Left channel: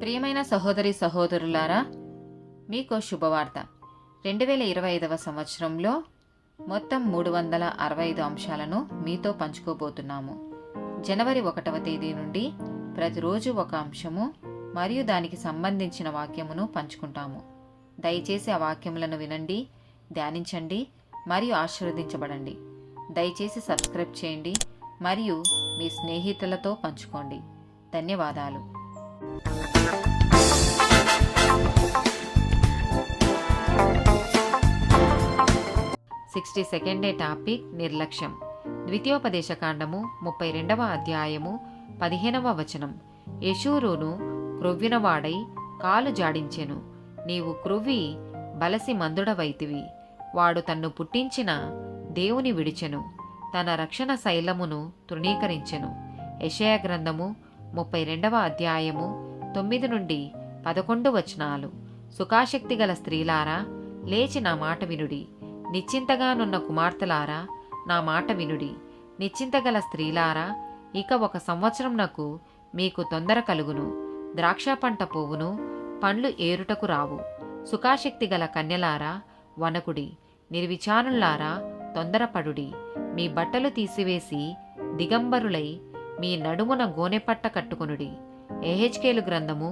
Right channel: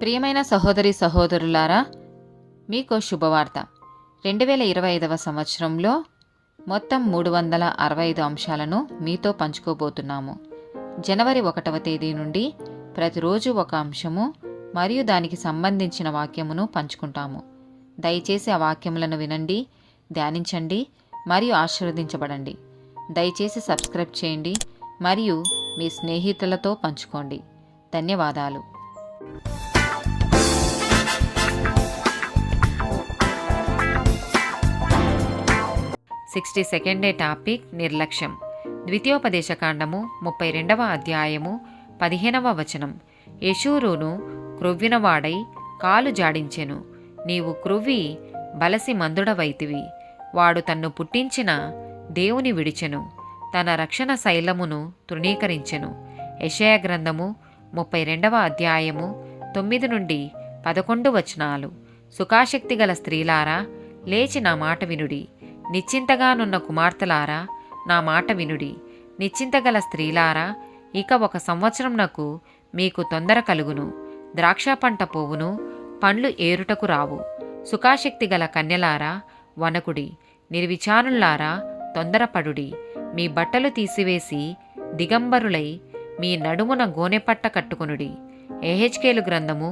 ప్రియమైన సహోదరి సహోదరులారా, మీకు శుభవార్త. 2025 సంవత్సరంలో మొత్తం 365 అంశాలను మీతో పంచుకోబోతున్నాము. జనవరి 1వ తేదీ నుండి ప్రతిరోజు ఒక అంశము మరియు దానికి సంబంధించిన వాక్యమును పంచుకుంటాము. దయచేసి ఆ వాక్యములను వినండి, ధ్యానించండి మరియు ఆశీర్వదించబడండి. దయచేసి సబ్స్క్రైబ్ చేయండి మరియు మీ స్నేహితులతో పంచుకోండి. ధన్యవాదాలు. 62వ టాపిక్ నిర్లక్ష్యం. ద్వితీయోపదేశకాండము 32వ అధ్యాయము 15వ వచనం. యెషూరును క్రొవ్వినవాడై కాలు జాడించెను. నీవు క్రొవ్వి బలసి మందుడవైతివి. వాడు తన్ను పుట్టించిన దేవుని విడిచెను, తన రక్షణ శైలమును తృణీకరించెను. యెషయా గ్రంథము 32వ అధ్యాయము 9 నుండి 11 వచనాలు. సుఖాసక్తి గల స్త్రీలారా, లేచి నా మాట వినుడి. నిశ్చింతగానున్న కుమార్తెలారా, నా మాట వినుడి. నిశ్చింతగల స్త్రీలారా, ఇక 1 సంవత్సరంనకు మీకు తొందర కలుగును. ద్రాక్ష పంట పోవును, పండ్లు ఏరుటకు రావు. సుఖాసక్తి గల కన్యలారా, వనకుడి. నిర్విచారులారా, తొందరపడుడి. మీ బట్టలు తీసివేసి దిగంబరులై మీ నడుమున గోనెపట్ట కట్టుకొనుడి. యెహెజ్కేలు గ్రంథము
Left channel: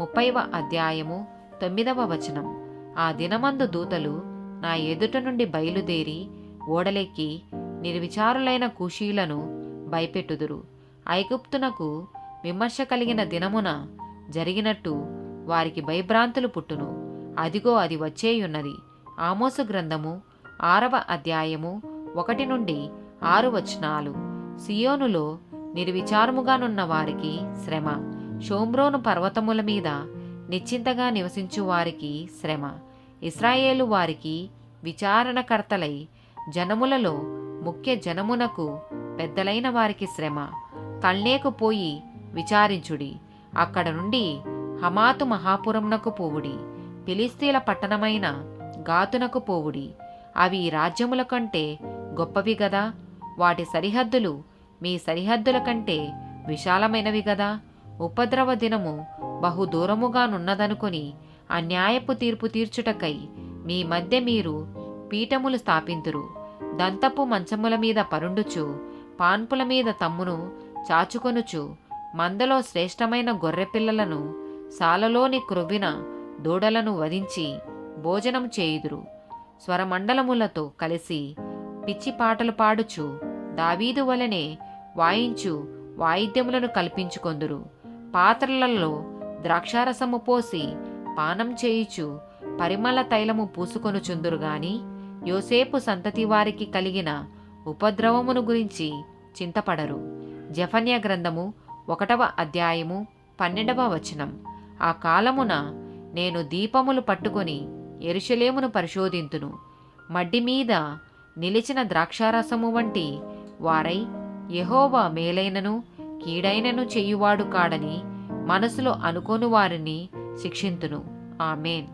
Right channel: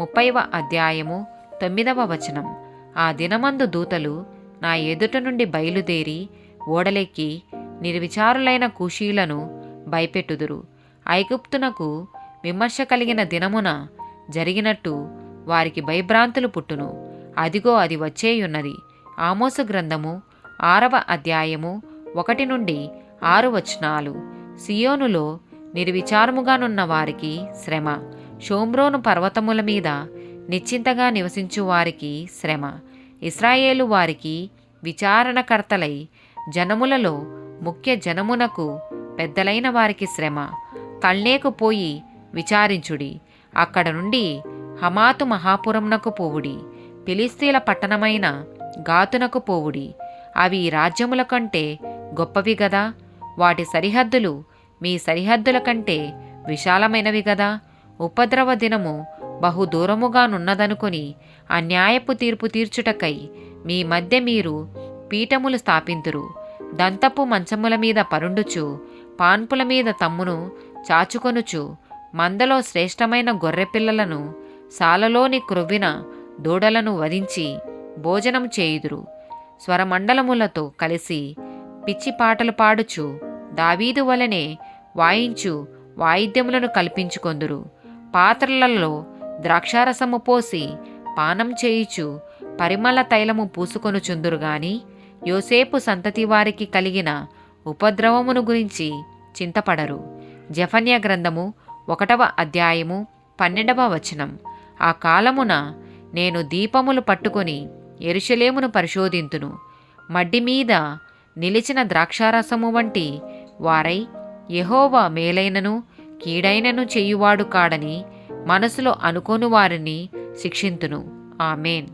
30వ అధ్యాయము 9వ వచనం. ఆ దినమందు దూతలు నా ఎదుట నుండి బయలుదేరి ఓడలెక్కి నిర్విచారులైన కూషీలను భయపెట్టుదురు. ఐగుప్తునకు విమర్శ కలిగిన దినమున జరిగినట్టు వారికి భయభ్రాంతులు పుట్టును. అదిగో, అది వచ్చేయున్నది. ఆమోసు గ్రంథము 6వ అధ్యాయము 1 నుండి 6 వచనాలు. సియోనులో నిర్విచారముగానున్న వారికి శ్రమ. షోమ్రోను పర్వతముల మీద నిశ్చింతగా నివసించు వారికి శ్రమ. ఇశ్రాయేలు వారికి విచారణకర్తలై జనములలో ముఖ్య జనమునకు పెద్దలైన వారికి శ్రమ. కల్నేకు పోయి విచారించుడి. అక్కడ నుండి హమాతు మహాపురమునకు పోవుడి. ఫిలిస్తీన్ల పట్టణమైన గాతునకు పోవుడి. అవి రాజ్యముల కంటే గొప్పవి గదా. వాటి సరిహద్దులు మీ సరిహద్దుల కంటే విశాలమైనవి గదా. ఉపద్రవ దినము బహు దూరముగానున్నదనుకొని అన్యాయపు తీర్పు తీర్చుటకై మీ మధ్య మీరు పీఠములు స్థాపింతురు. దంతపు మంచముల మీద పరుండుచు, పాన్పుల మీద తమ్మును చాచుకొనుచు, మందలో శ్రేష్టమైన గొర్రెపిల్లలను, సాలలోని క్రొవ్విన దూడలను వధించి భోజనం చేయుదురు. స్వరమండలములతో కలిసి పిచ్చి పాటలు పాడుచు, దావీదు వలనే వాయించు వాయిద్యములను కల్పించుకొందురు. పాత్రలలో ద్రాక్షారసము పోసి పానం చేయుచు పరిమళ తైలము పూసుకొనుచుందురు గాని యోసేపు సంతతి వారికి కలిగిన ఉపద్రవమును గురించి చింతపడరు. జెఫన్యా గ్రంథము 1వ అధ్యాయము 12వ వచనం. ఆ కాలమున నేను దీపములు పట్టుకొని యెరూషలేమును పరిశోధింతును. మడ్డి మీద నిలిచిన ద్రాక్షారసము వంటి వారై యెహోవా మేలైనను కీడైనను చేయువాడు కాడని మనసులో అనుకోని వారిని శిక్షింతును. ఆమేన్.